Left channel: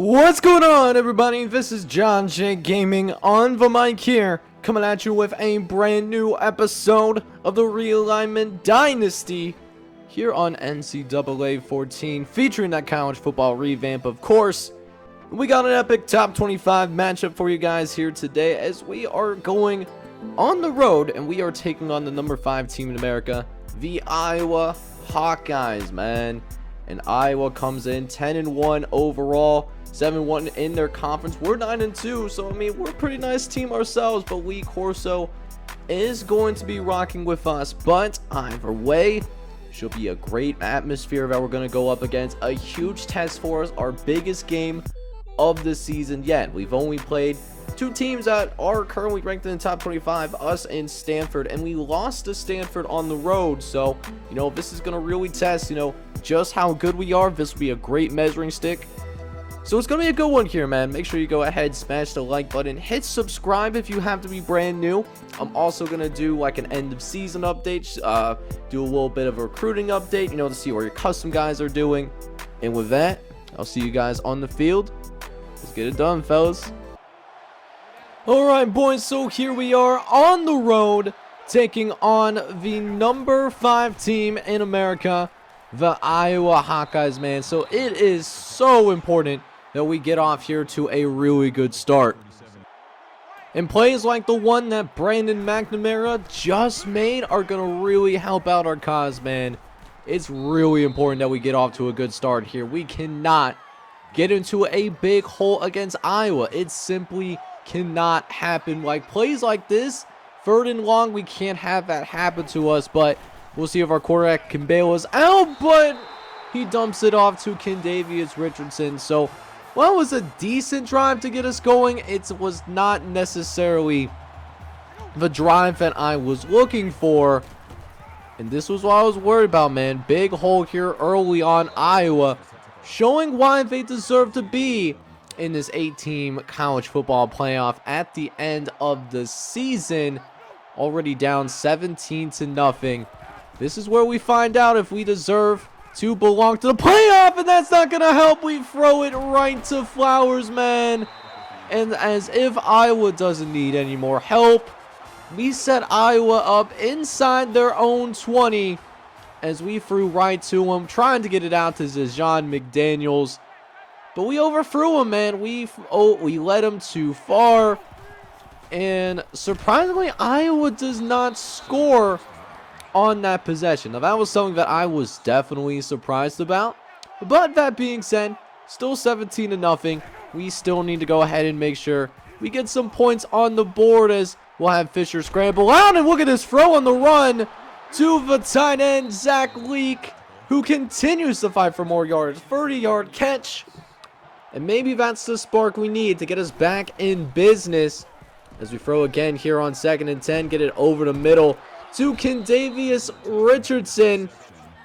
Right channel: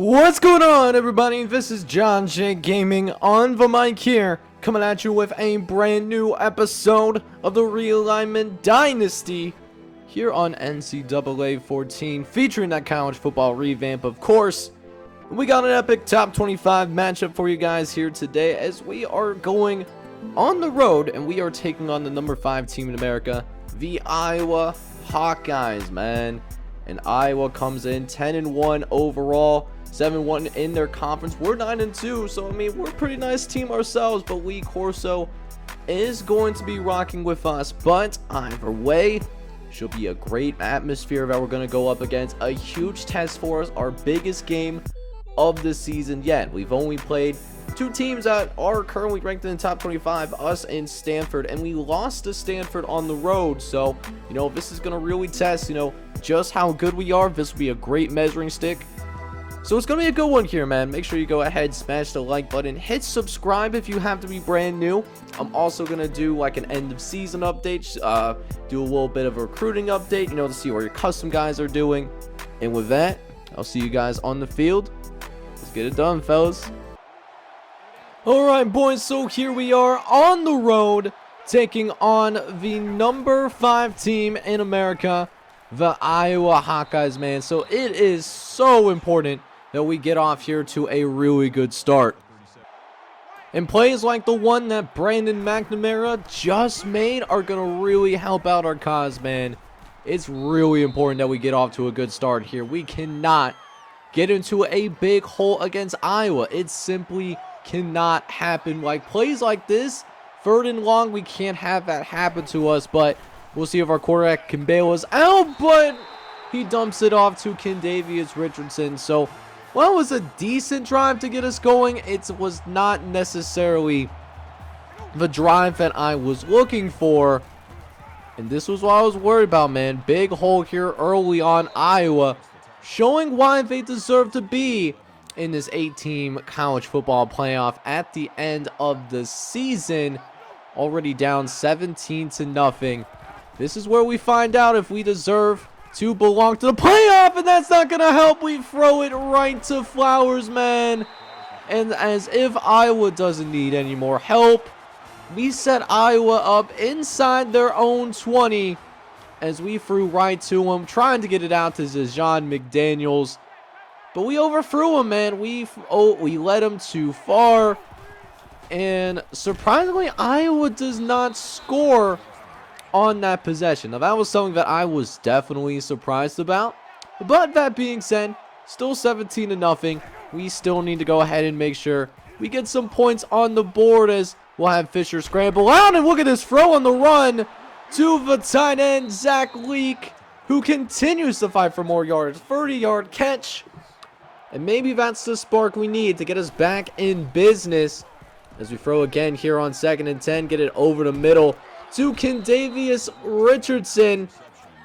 What's going on, everybody? This is John J Gaming on the mic here, coming at you with a brand new episode of the Realignment Dynasty here on NCAA 14, featuring that college football revamp, of course. We got an epic top 25 matchup for you guys here today as we are going on the road and we are taking on the number 5 team in America, the Iowa Hawkeyes, man. And Iowa comes in 10-1 overall, 7-1 in their conference. We're 9-2, so I mean, we're a pretty nice team ourselves, but Lee Corso is going to be rocking with us. But either way, should be a great atmosphere that we're going to go up against. A huge test for us, our biggest game of the season yet. We've only played 2 teams that are currently ranked in the top 25, us and Stanford, and we lost to Stanford on the road. So, you know, this is going to really test, just how good we are. This will be a great measuring stick. So it's going to be a good one here, man. Make sure you go ahead, smash the like button, hit subscribe if you have to be brand new. I'm also going to do like an end of season update, do a little bit of a recruiting update, to see where your custom guys are doing. And with that, I'll see you guys on the field. Let's get it done, fellas. Alright, boys, so here we are on the road, taking on the number 5 team in America, the Iowa Hawkeyes, man. So it is so important that we get off here to a really good start. And plays like the one that Brandon McNamara just made are going to really help out our cause, man. It's really important that we get off to a good start here. We cannot get into a big hole against Iowa. It simply cannot happen. Like plays like this, 3rd and long, we can't have that happen to us. But we'll see if our quarterback can bail us out, but he dumps it off to Kendavius Richardson. So, well, it was a decent drive to get us going. It was not necessarily the drive that I was looking for. And this was what I was worried about, man. Big hole here early on. Iowa showing why they deserve to be in this 8-team college football playoff at the end of the season. Already down 17-0. This is where we find out if we deserve to belong to the playoff, and that's not going to help. We throw it right to Flowers, man. And as if Iowa doesn't need any more help, we set Iowa up inside their own 20 as we threw right to them, trying to get it out to John McDaniels. But we overthrew him, man. We led him too far. And surprisingly, Iowa does not score on that possession. Now, that was something that I was definitely surprised about. But that being said, still 17-0. We still need to go ahead and make sure we get some points on the board as we'll have Fisher scramble out. And look at this throw on the run to the tight end, Zach Leak, who continues to fight for more yards. 30-yard catch. And maybe that's the spark we need to get us back in business. As we throw again here on 2nd and 10, get it over the middle to Kendavius Richardson.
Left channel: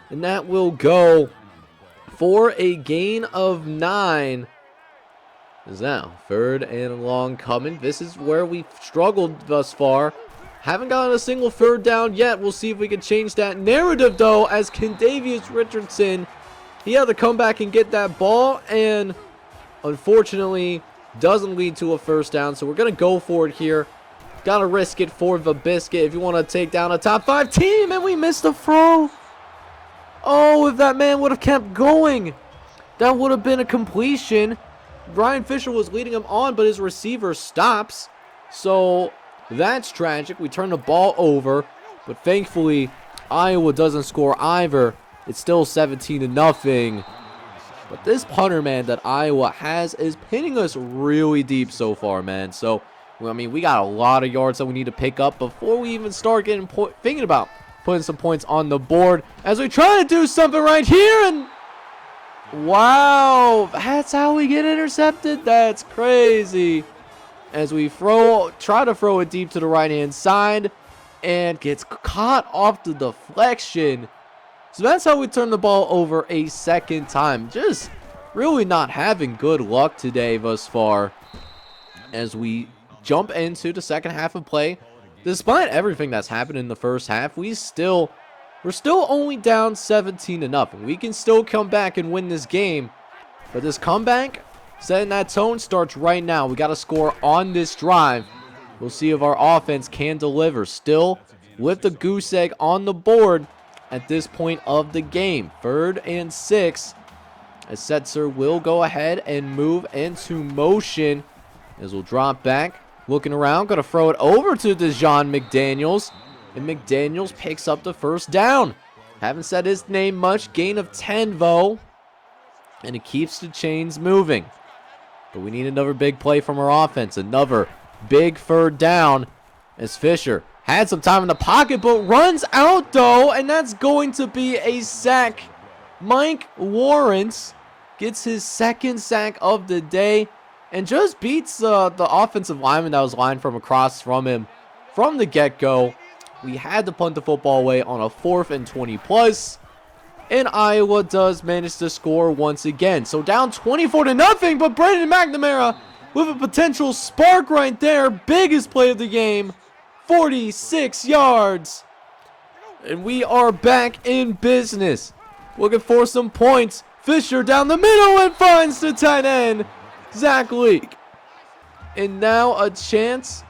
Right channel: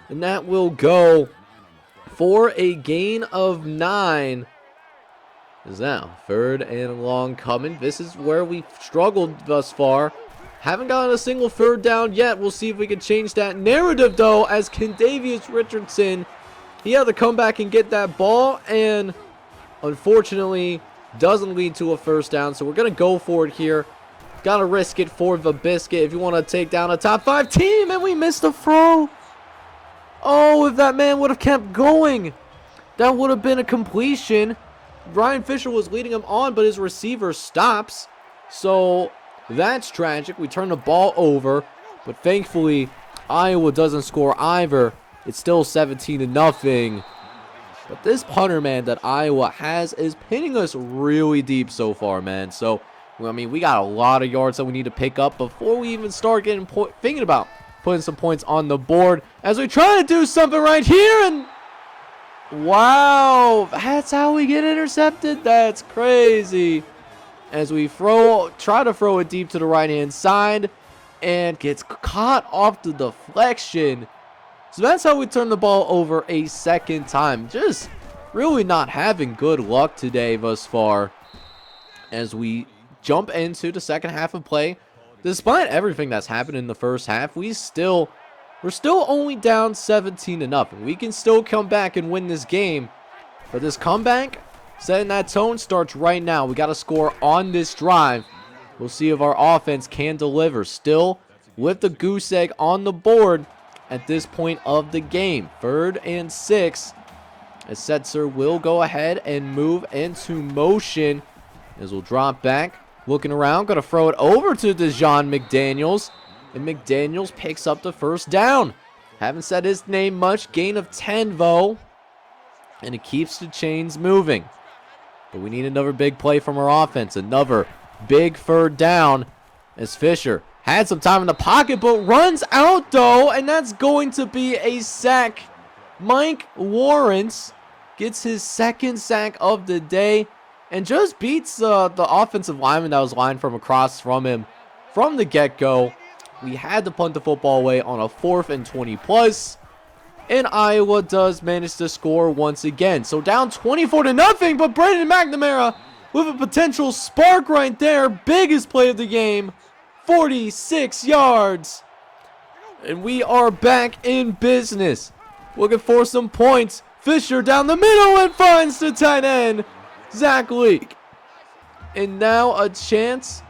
And that will go for a gain of 9. Is now 3rd and long coming. This is where we've struggled thus far. Haven't gotten a single 3rd down yet. We'll see if we can change that narrative, though, as Kendavius Richardson, he had to come back and get that ball, and unfortunately doesn't lead to a 1st down. So we're going to go for it here. Got to risk it for the biscuit if you want to take down a top 5 team, and we missed the throw. Oh, if that man would have kept going, that would have been a completion. Brian Fisher was leading him on, but his receiver stops. So that's tragic. We turn the ball over, but thankfully Iowa doesn't score either. It's still 17-0. But this punter, man, that Iowa has is pinning us really deep so far, man. So, I mean, we got a lot of yards that we need to pick up before we even start getting thinking about putting some points on the board as we try to do something right here. And wow, that's how we get intercepted. That's crazy. As we try to throw it deep to the right-hand side and gets caught off the deflection. So that's how we turn the ball over a 2nd time. Just really not having good luck today thus far as we jump into the 2nd half of play. Despite everything that's happened in the 1st half, we're still only down 17-0. We can still come back and win this game. But this comeback Setting that tone starts right now. We got to score on this drive. We'll see if our offense can deliver. Still with the goose egg on the board at this point of the game. 3rd and 6. As Setzer will go ahead and move into motion. As we'll drop back. Looking around. Going to throw it over to Dejon McDaniels. And McDaniels picks up the first down. Haven't said his name much. Gain of 10 though. And it keeps the chains moving. But we need another big play from our offense. Another big 3rd down. As Fisher had some time in the pocket, but runs out though. And that's going to be a sack. Mike Warrants gets his 2nd sack of the day. And just beats the offensive lineman that was lined from across from him from the get-go. We had to punt the football away on a 4th and 20 plus. And Iowa does manage to score once again. So down 24-0, but Brandon McNamara with a potential spark right there. Biggest play of the game. 46 yards. And we are back in business. Looking for some points. Fisher down the middle and finds the tight end, Zach Leak. And now a chance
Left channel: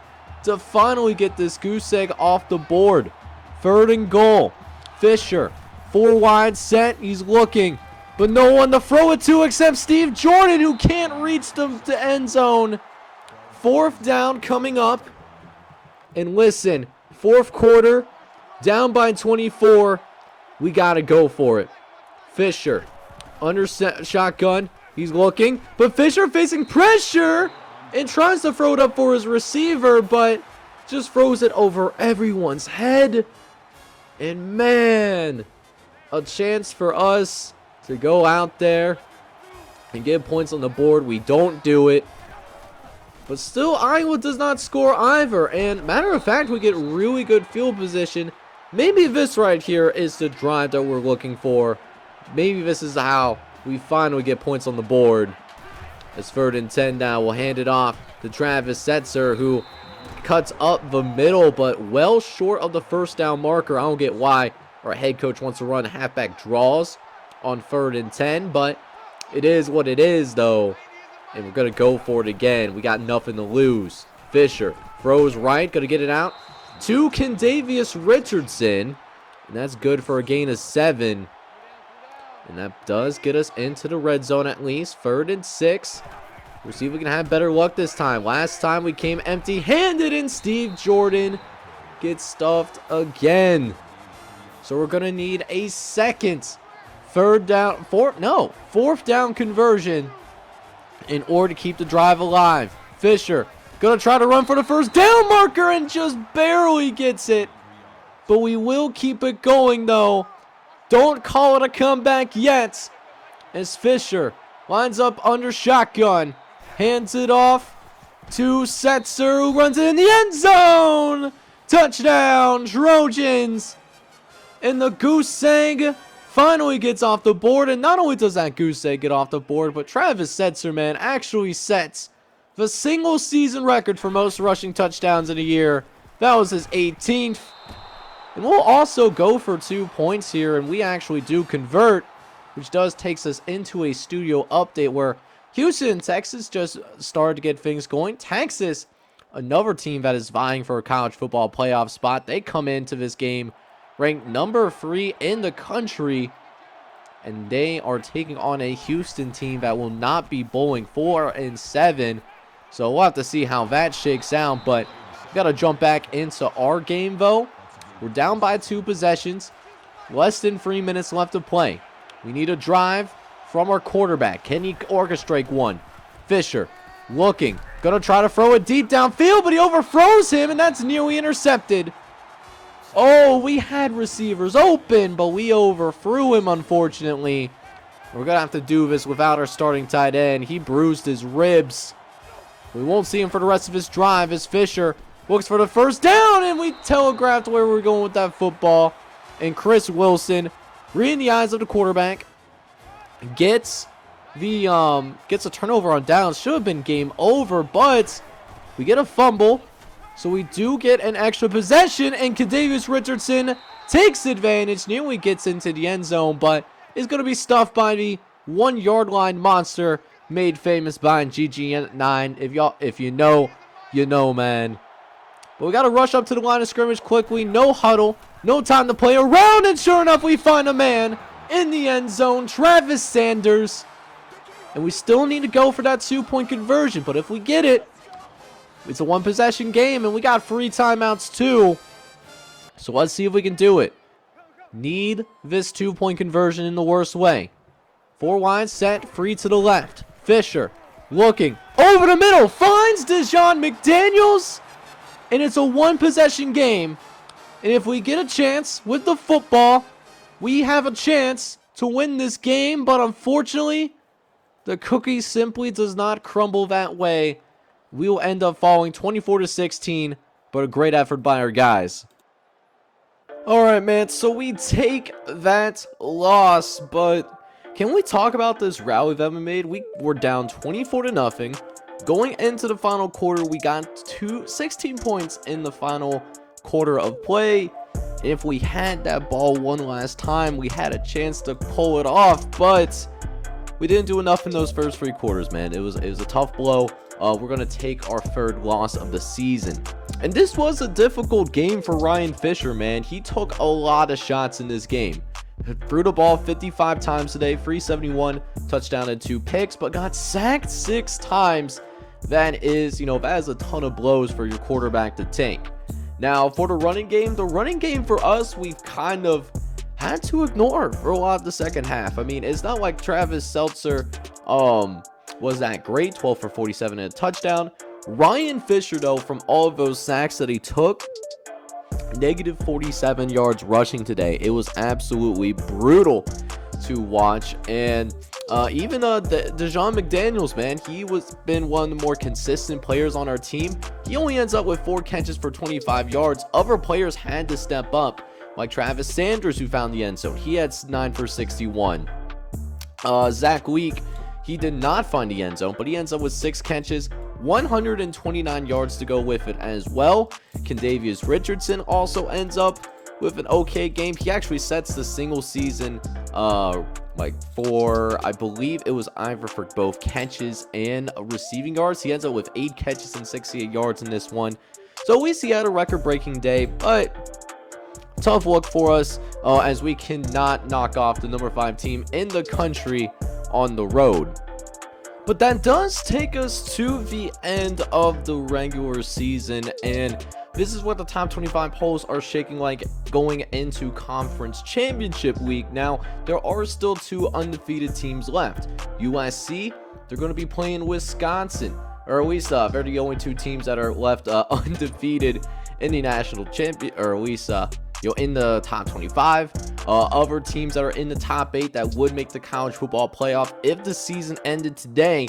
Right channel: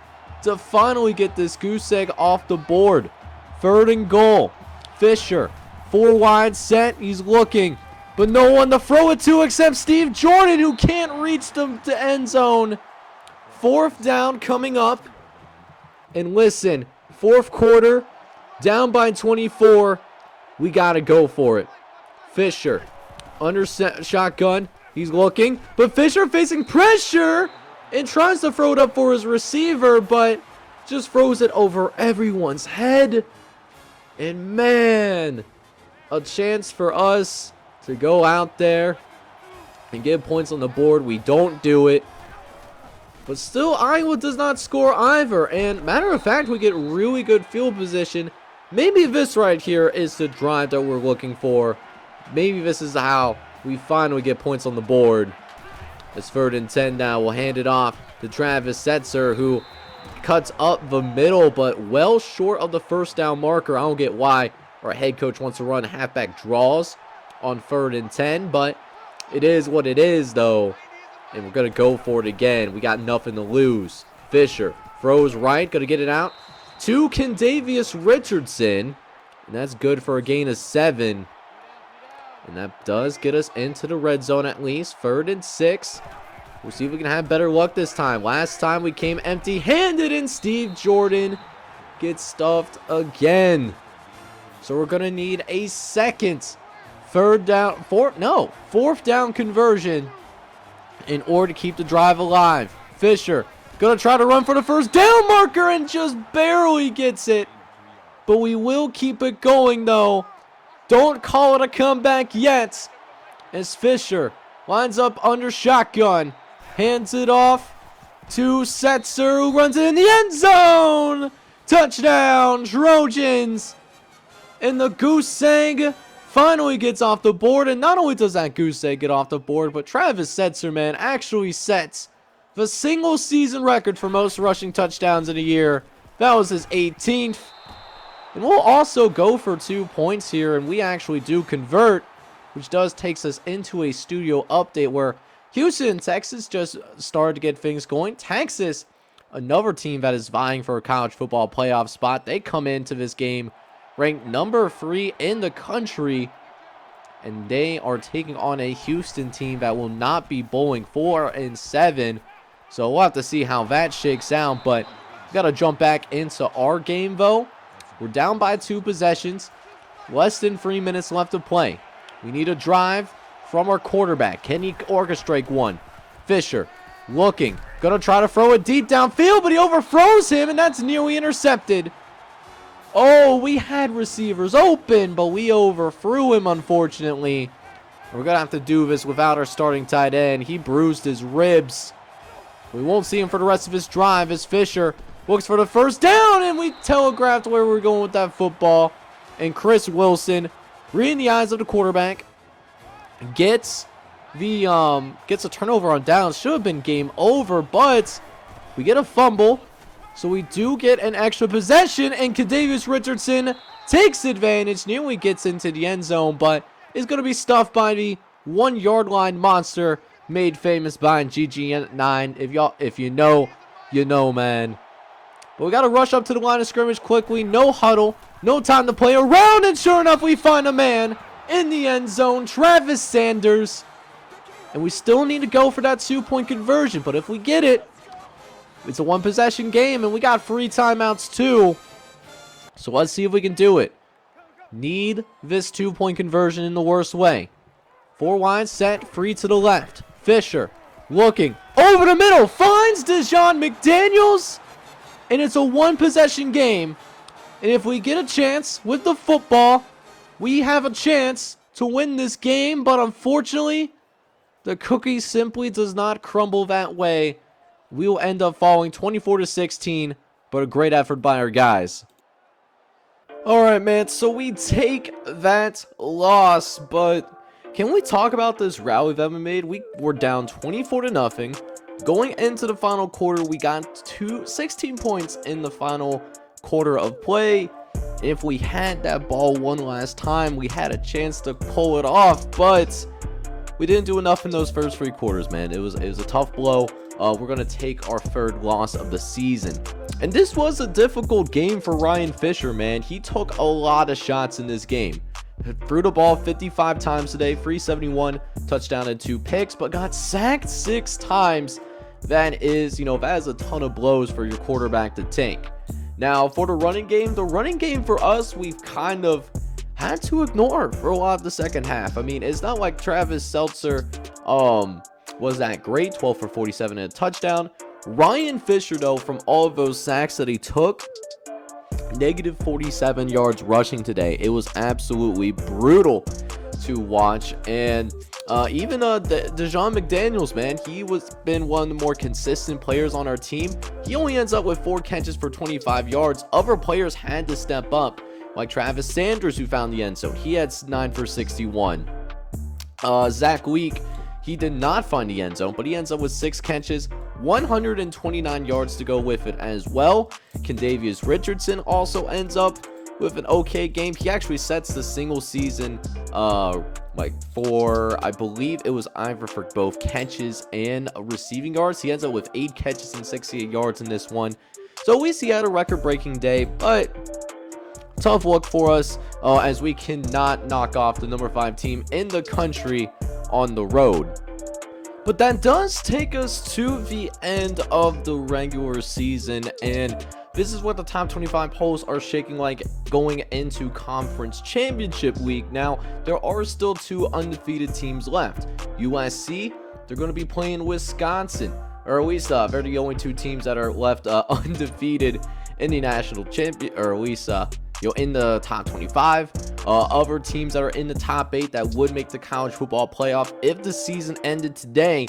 to finally get this goose egg off the board. 3rd and goal. Fisher, 4 wide set. He's looking, but no one to throw it to except Steve Jordan, who can't reach the end zone. 4th down coming up. And listen, 4th quarter, down by 24. We got to go for it. Fisher, under shotgun. He's looking, but Fisher facing pressure and tries to throw it up for his receiver, but just throws it over everyone's head. And man, a chance for us to go out there and get points on the board. We don't do it. But still, Iowa does not score either. And matter of fact, we get really good field position. Maybe this right here is the drive that we're looking for. Maybe this is how we finally get points on the board. It's 3rd and 10 now. We'll hand it off to Travis Setzer, who cuts up the middle, but well short of the 1st down marker. I don't get why our head coach wants to run halfback draws on 3rd and 10, but it is what it is, though. And we're going to go for it again. We got nothing to lose. Fisher throws right, going to get it out to Kendavius Richardson. And that's good for a gain of 7. And that does get us into the red zone at least. 3rd and 6. We'll see if we can have better luck this time. Last time we came empty-handed and Steve Jordan gets stuffed again. So we're going to need a 2nd, 4th down conversion in order to keep the drive alive. Fisher going to try to run for the 1st down marker and just barely gets it. But we will keep it going though. Don't call it a comeback yet, as Fisher lines up under shotgun. Hands it off to Setzer, who runs it in the end zone. Touchdown, Trojans. And the goose egg finally gets off the board. And not only does that goose egg get off the board, but Travis Setzer, man, actually sets the single season record for most rushing touchdowns in a year. That was his 18th. And we'll also go for 2 points here, and we actually do convert, which does takes us into a studio update where Houston and Texas just started to get things going. Texas, another team that is vying for a college football playoff spot, they come into this game ranked number 3 in the country, and they are taking on a Houston team that will not be bowling 4 and 7. So we'll have to see how that shakes out, but we got to jump back into our game though. We're down by 2 possessions. Less than 3 minutes left to play. We need a drive from our quarterback. Can he orchestrate one? Fisher looking. Going to try to throw it deep downfield, but he overthrows him, and that's nearly intercepted. Oh, we had receivers open, but we overthrew him, unfortunately. We're going to have to do this without our starting tight end. He bruised his ribs. We won't see him for the rest of his drive as Fisher looks for the 1st down, and we telegraphed where we're going with that football. And Chris Wilson, reading the eyes of the quarterback, gets a turnover on downs. Should have been game over, but we get a fumble. So we do get an extra possession, and Kendavius Richardson takes advantage, nearly gets into the end zone, but is going to be stuffed by the 1 yard line monster, made famous by GG9. If you know, you know, man. But we got to rush up to the line of scrimmage quickly. No huddle. No time to play around. And sure enough, we find a man in the end zone. Travis Sanders. And we still need to go for that 2-point conversion. But if we get it, it's a one-possession game. And we got free timeouts too. So let's see if we can do it. Need this 2-point conversion in the worst way. 4 wide set. Free to the left. Fisher looking over the middle. Finds Deshaun McDaniels. And it's a one-possession game. And if we get a chance with the football, we have a chance to win this game. But unfortunately, the cookie simply does not crumble that way. We will end up falling 24-16. But a great effort by our guys. Alright, man. So we take that loss. But can we talk about this rally that we made? We were down 24-0. Going into the final quarter, we got 16 points in the final quarter of play. If we had that ball one last time, we had a chance to pull it off, but we didn't do enough in those first 3 quarters, man. It was a tough blow. We're going to take our 3rd loss of the season. And this was a difficult game for Ryan Fisher, man. He took a lot of shots in this game. Threw the ball 55 times today, 371, touchdown and 2 picks, but got sacked 6 times. That is a ton of blows for your quarterback to take. Now, for the running game for us, we've kind of had to ignore for a lot of the second half. I mean, it's not like Travis Seltzer was that great, 12 for 47 and a touchdown. Ryan Fisher, though, from all of those sacks that he took, negative 47 yards rushing today. It was absolutely brutal to watch. And even Deshaun McDaniels, man, he been one of the more consistent players on our team. He only ends up with 4 catches for 25 yards. Other players had to step up, like Travis Sanders, who found the end zone. He had 9 for 61. Zach Week, he did not find the end zone, but he ends up with 6 catches, 129 yards to go with it as well. Kendavius Richardson also ends up with an okay game. He actually sets the single season for, I believe it was either for both catches and receiving yards. He ends up with 8 catches and 68 yards in this one. So at least he had a record-breaking day, but tough look for us as we cannot knock off the number 5 team in the country on the road. But that does take us to the end of the regular season, and this is what the top 25 polls are shaking like going into conference championship week. Now, there are still 2 undefeated teams left. USC, they're going to be playing Wisconsin, or at least they're the only 2 teams that are left undefeated in the national champion, or at least in the top 25. Other teams that are in the top 8 that would make the college football playoff if the season ended today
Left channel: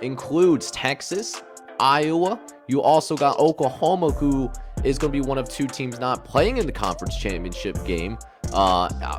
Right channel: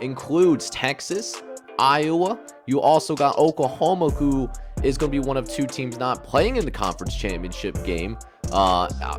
includes Texas, Iowa. You also got Oklahoma, who is going to be one of 2 teams not playing in the conference championship game.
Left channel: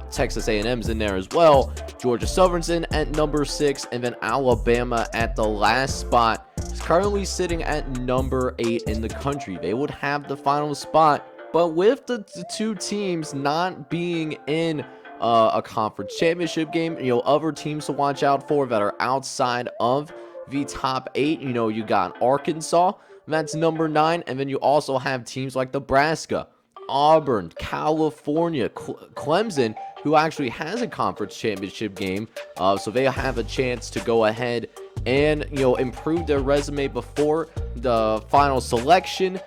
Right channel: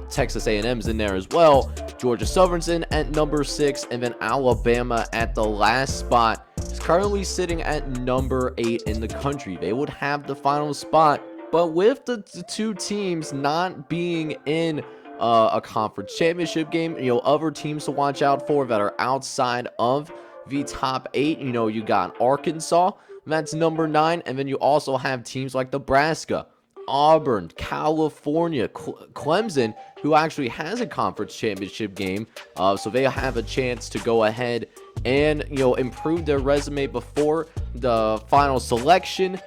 Texas A&M's in there as well. Georgia Southern's in at number 6, and then Alabama at the last spot is currently sitting at number 8 in the country. They would have the final spot. But with the 2 teams not being in a conference championship game, other teams to watch out for that are outside of the top 8, you got Arkansas, that's number 9, and then you also have teams like Nebraska, Auburn, California, Clemson, who actually has a conference championship game, so they have a chance to go ahead and improve their resume before the final selection.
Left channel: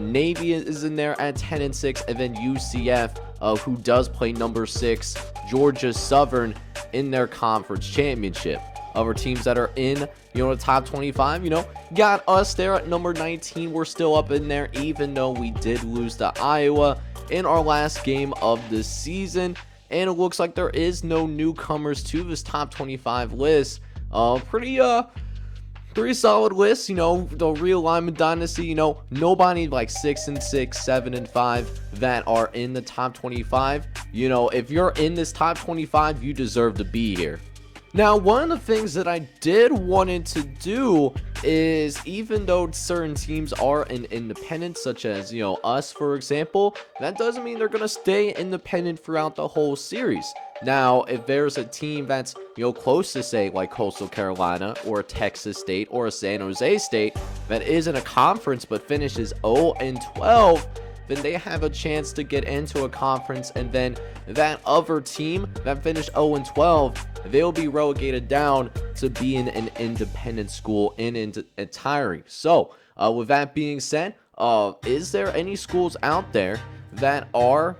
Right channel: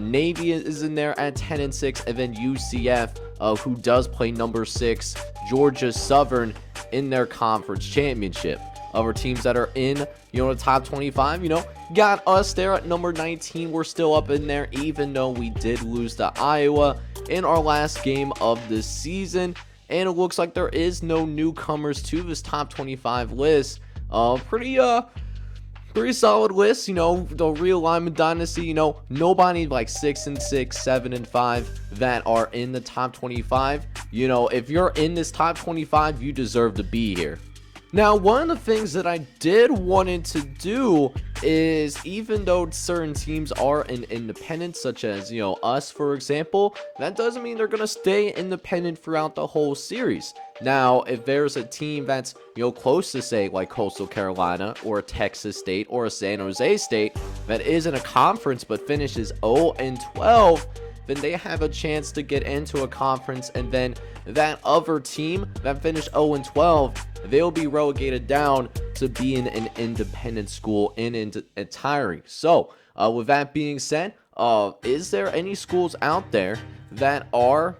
Navy is in there at 10-6, and then UCF, who does play number 6, Georgia Southern in their conference championship. Our teams that are in, the top 25, got us there at number 19. We're still up in there, even though we did lose to Iowa in our last game of the season. And it looks like there is no newcomers to this top 25 list. Pretty solid list, the Realignment Dynasty, nobody like 6-6, 7-5 that are in the top 25. If you're in this top 25, you deserve to be here. Now, one of the things that I did wanted to do is, even though certain teams are an independent, such as, us, for example, that doesn't mean they're going to stay independent throughout the whole series. Now, if there's a team that's, close to, say, like Coastal Carolina or Texas State or a San Jose State that is in a conference but finishes 0-12, then they have a chance to get into a conference, and then that other team that finished 0-12, they'll be relegated down to being an independent school in entirety. So, with that being said, is there any schools out there that are,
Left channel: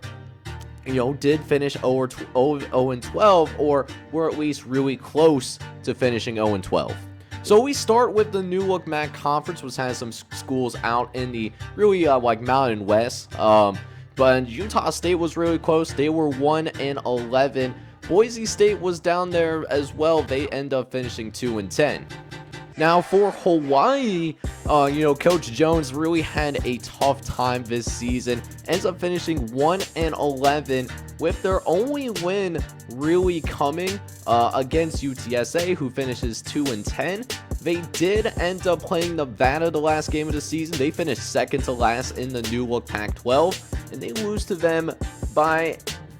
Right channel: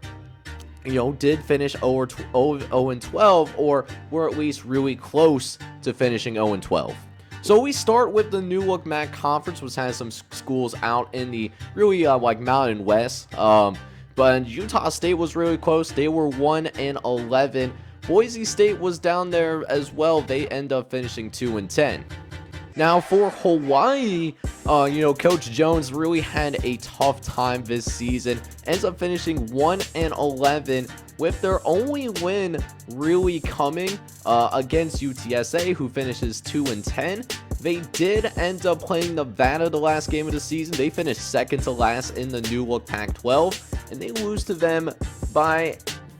did finish 0-12, or were at least really close to finishing 0-12? So we start with the New Look MAC Conference, which has some schools out in the really like Mountain West. But Utah State was really close. They were 1-11. Boise State was down there as well. They end up finishing 2-10. Now for Hawaii, Coach Jones really had a tough time this season. Ends up finishing 1-11, with their only win really coming against UTSA, who finishes 2-10. They did end up playing Nevada the last game of the season. They finished second to last in the New Look Pac-12, and they lose to them by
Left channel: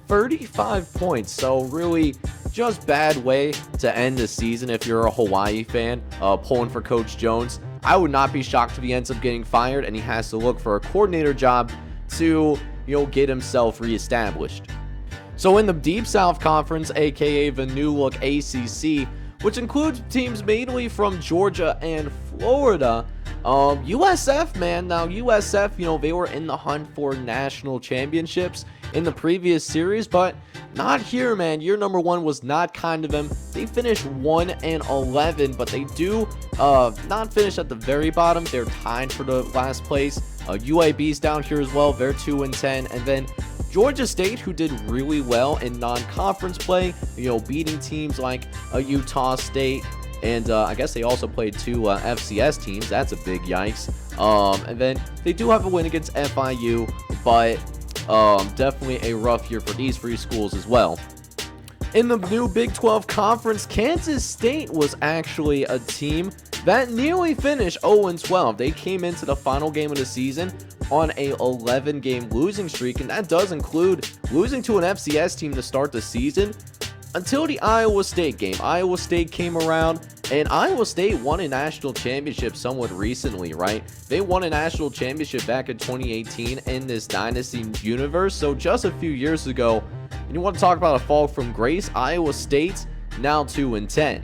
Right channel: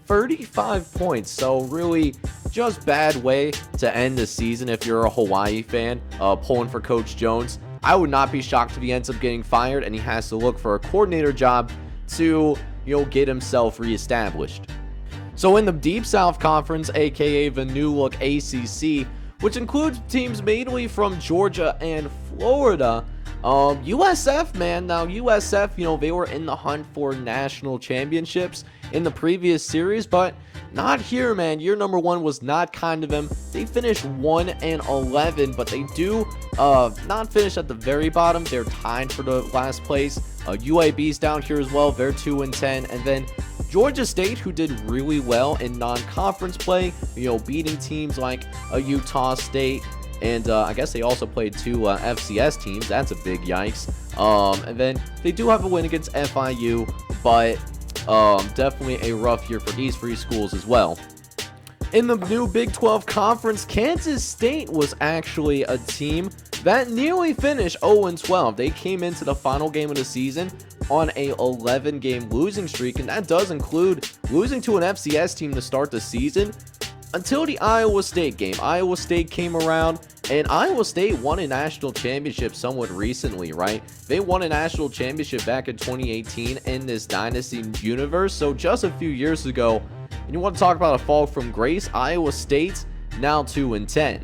35 points. So really, just bad way to end the season if you're a Hawaii fan pulling for Coach Jones. I would not be shocked if he ends up getting fired and he has to look for a coordinator job to, get himself reestablished. So in the Deep South Conference, aka the New Look ACC, which includes teams mainly from Georgia and Florida, USF, man. Now USF, they were in the hunt for national championships in the previous series, but not here, man. Year number one was not kind to them. They finished 1-11, but they do not finish at the very bottom. They're tied for the last place. UAB's down here as well. They're 2-10, and then Georgia State, who did really well in non-conference play, beating teams like Utah State, and I guess they also played two FCS teams. That's a big yikes. And then they do have a win against FIU, but definitely a rough year for these three schools as well. In the new Big 12 Conference, Kansas State was actually a team that nearly finished 0-12. They came into the final game of the season on a 11-game losing streak, and that does include losing to an FCS team to start the season until the Iowa State game. Iowa State came around, and Iowa State won a national championship somewhat recently, right? They won a national championship back in 2018 in this Dynasty universe, so just a few years ago. And you want to talk about a fall from grace? Iowa State now 2-10.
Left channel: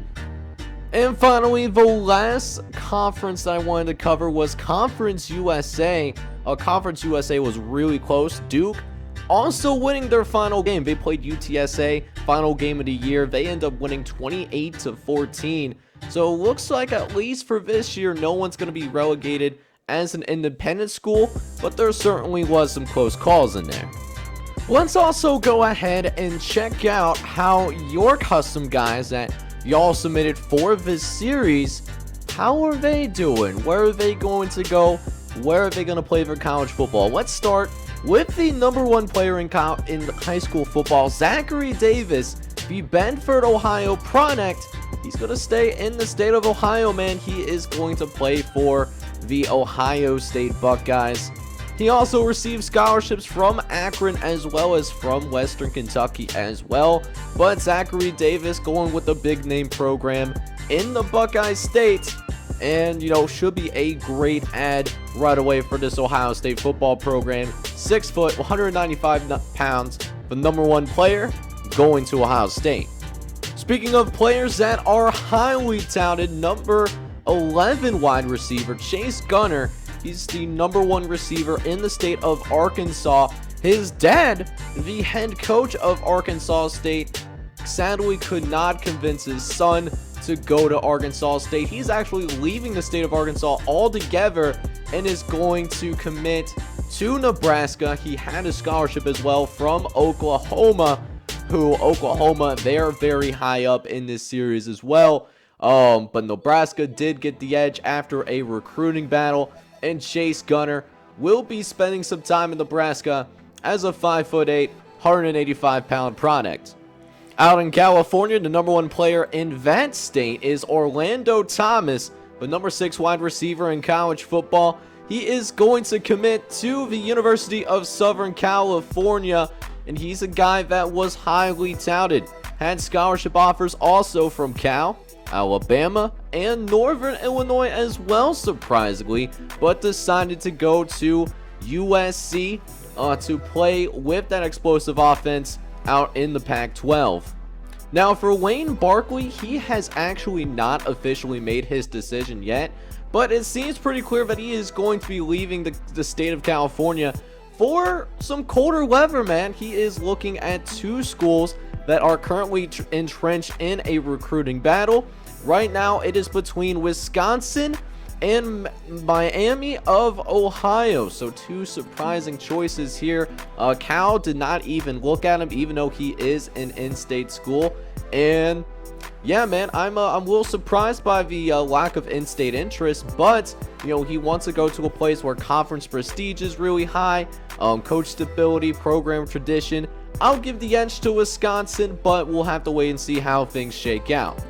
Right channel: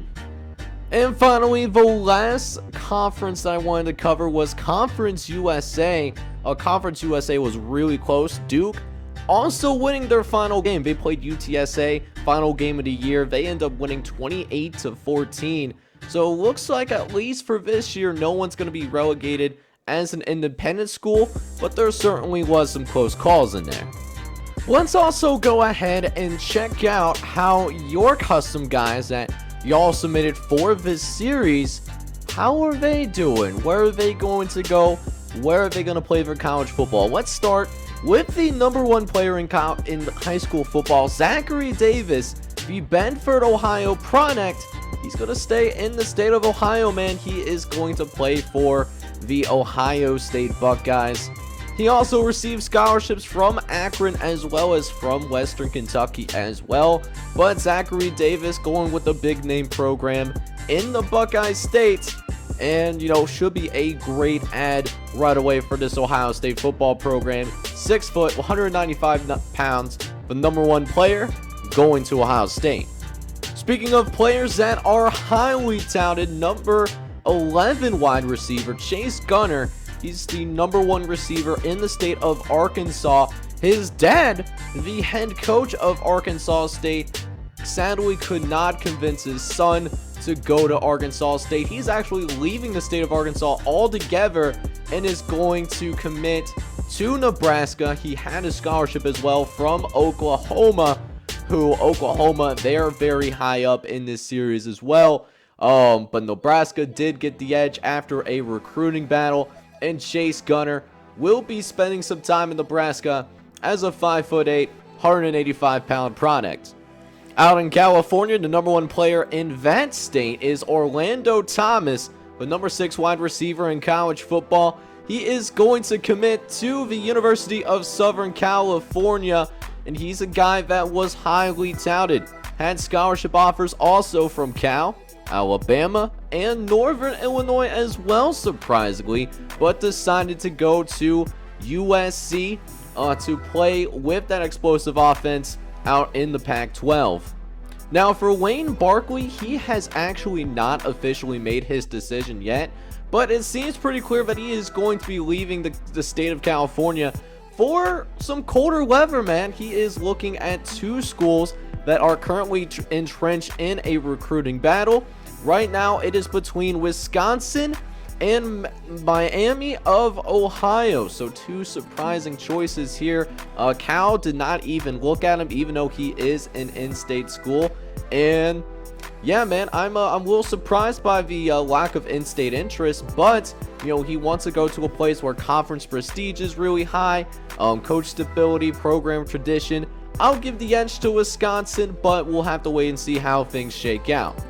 And finally, the last conference that I wanted to cover was Conference USA. Conference USA was really close. Duke also winning their final game. They played UTSA, final game of the year. They end up winning 28-14. So it looks like, at least for this year, no one's going to be relegated as an independent school, but there certainly was some close calls in there. Let's also go ahead and check out how your custom guys that y'all submitted for this series, how are they doing? Where are they going to go? Where are they going to play their college football? Let's start with the number one player in high school football, Zachary Davis, the Bedford, Ohio product. He's going to stay in the state of Ohio, man. He is going to play for the Ohio State Buckeyes. He also received scholarships from Akron as well as from Western Kentucky as well. But Zachary Davis going with a big name program in the Buckeye State, and should be a great add right away for this Ohio State football program. 6 foot, 195 pounds, the number one player going to Ohio State. Speaking of players that are highly touted, number 11 wide receiver Chase Gunner. He's the number one receiver in the state of Arkansas. His dad, the head coach of Arkansas State, sadly could not convince his son to go to Arkansas State. He's actually leaving the state of Arkansas altogether and is going to commit to Nebraska. He had a scholarship as well from Oklahoma, they're very high up in this series as well. But Nebraska did get the edge after a recruiting battle, and Chase Gunner will be spending some time in Nebraska as a 5'8", 185-pound product. Out in California, the number 1 player in that state is Orlando Thomas, the number 6 wide receiver in college football. He is going to commit to the University of Southern California, and he's a guy that was highly touted. Had scholarship offers also from Cal, Alabama, and Northern Illinois as well, surprisingly, but decided to go to USC to play with that explosive offense out in the Pac-12. Now for Wayne Barkley, he has actually not officially made his decision yet, but it seems pretty clear that he is going to be leaving the state of California for some colder weather, man. He is looking at 2 schools that are currently entrenched in a recruiting battle. Right now it is between Wisconsin and Miami of Ohio, so 2 surprising choices here. Cal did not even look at him, even though he is an in-state school. And yeah, man, I'm a little surprised by the lack of in-state interest, but you know, he wants to go to a place where conference prestige is really high, coach stability, program tradition. I'll give the edge to Wisconsin, but we'll have to wait and see how things shake out.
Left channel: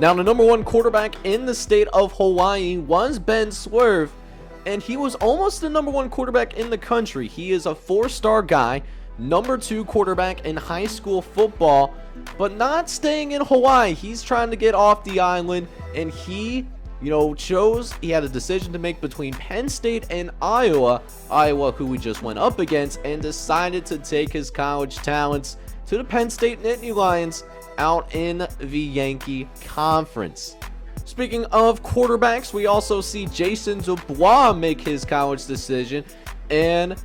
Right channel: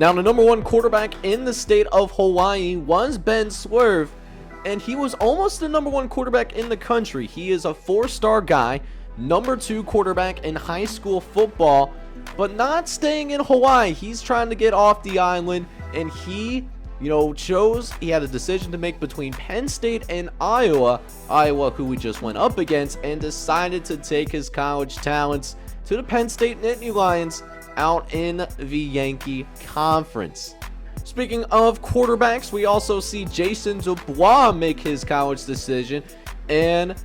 Now, the number 1 quarterback in the state of Hawaii was Ben Swerve, and he was almost the number 1 quarterback in the country. He is a 4-star guy, number 2 quarterback in high school football, but not staying in Hawaii. He's trying to get off the island, and he had a decision to make between Penn State and Iowa, who we just went up against, and decided to take his college talents to the Penn State Nittany Lions out in the Yankee Conference. Speaking of quarterbacks, we also see Jason Dubois make his college decision, and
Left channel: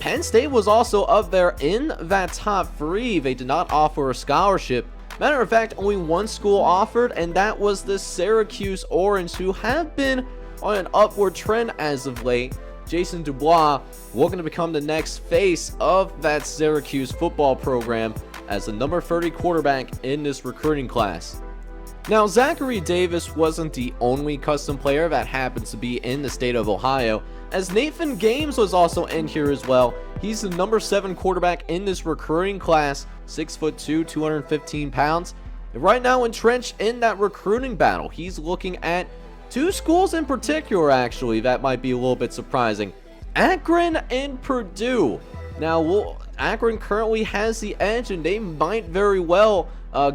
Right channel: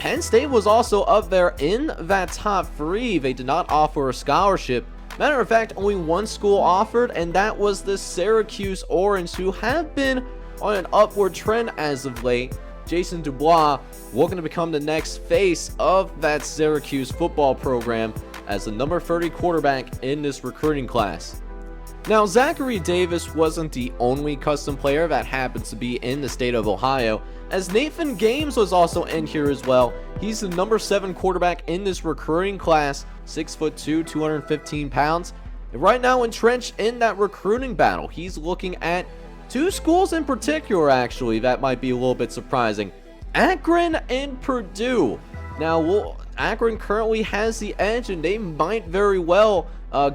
Penn State was also up there in that top 3. They did not offer a scholarship. Matter of fact, only 1 school offered, and that was the Syracuse Orange, who have been on an upward trend as of late. Jason Dubois looking to become the next face of that Syracuse football program as the number 30 quarterback in this recruiting class. Now, Zachary Davis wasn't the only custom player that happens to be in the state of Ohio, as Nathan Games was also in here as well. He's the number 7 quarterback in this recruiting class, 6'2", 215 pounds. And right now entrenched in that recruiting battle, he's looking at 2 schools in particular, actually, that might be a little bit surprising. Akron and Purdue. Now, Akron currently has the edge, and they might very well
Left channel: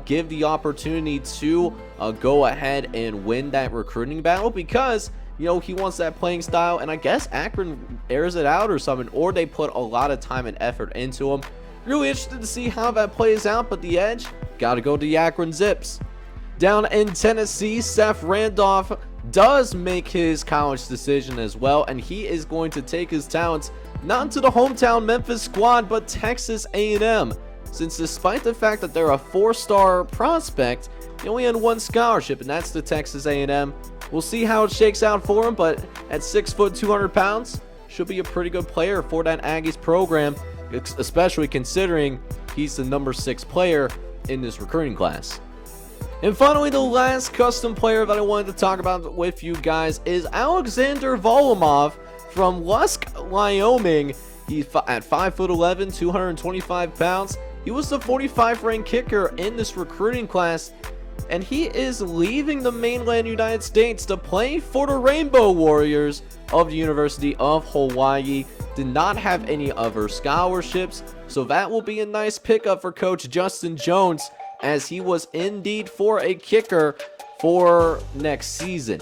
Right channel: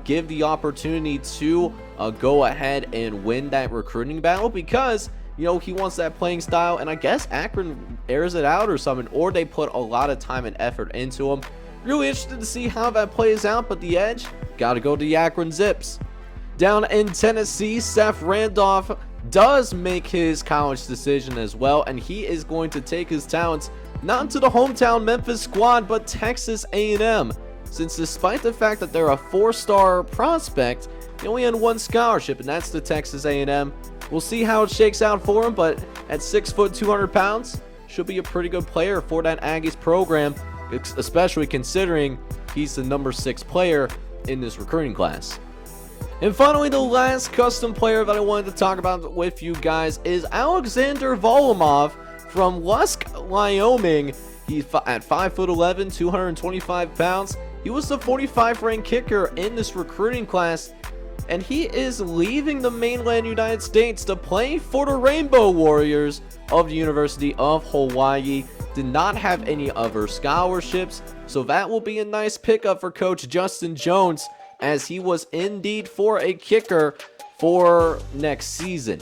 give the opportunity to go ahead and win that recruiting battle, because he wants that playing style, and I guess Akron airs it out or something, or they put a lot of time and effort into him. Really interested to see how that plays out, but the edge, gotta go to the Akron Zips. Down in Tennessee, Seth Randolph does make his college decision as well, and he is going to take his talents not to the hometown Memphis squad, but Texas A&M. Since despite the fact that they're a 4-star prospect, he only had 1 scholarship, and that's the Texas A&M. We'll see how it shakes out for him, but at 6', 200 pounds, should be a pretty good player for that Aggies program, especially considering he's the number 6 player in this recruiting class. And finally, the last custom player that I wanted to talk about with you guys is Alexander Volomov from Lusk, Wyoming. He's at 5'11", 225 pounds. He was the 45th ranked kicker in this recruiting class, and he is leaving the mainland United States to play for the Rainbow Warriors of the University of Hawaii. Did not have any other scholarships, so that will be a nice pickup for Coach Justin Jones, as he was indeed for a kicker for next season.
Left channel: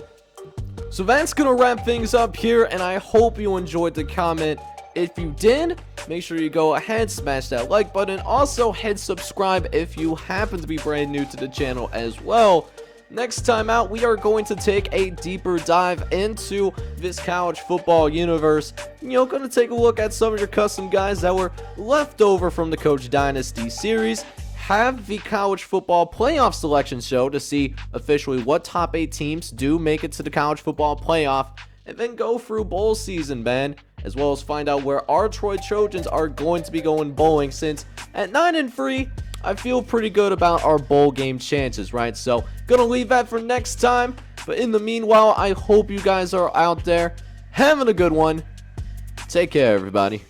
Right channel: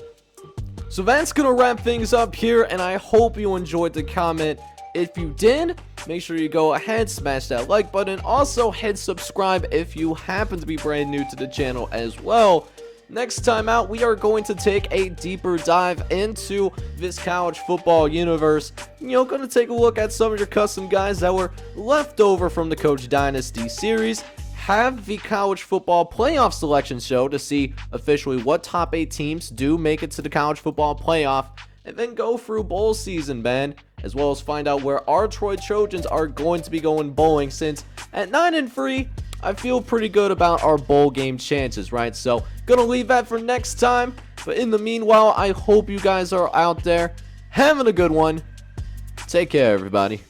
So that's going to wrap things up here, and I hope you enjoyed the comment. If you did, make sure you go ahead, smash that like button. Also, hit subscribe if you happen to be brand new to the channel as well. Next time out, we are going to take a deeper dive into this college football universe. Going to take a look at some of your custom guys that were left over from the Coach Dynasty series. Have the college football playoff selection show to see officially what top 8 teams do make it to the college football playoff, and then go through bowl season, man, as well as find out where our Troy Trojans are going to be going bowling, since at 9-3, I feel pretty good about our bowl game chances, right? So, gonna leave that for next time, but in the meanwhile, I hope you guys are out there having a good one. Take care, everybody.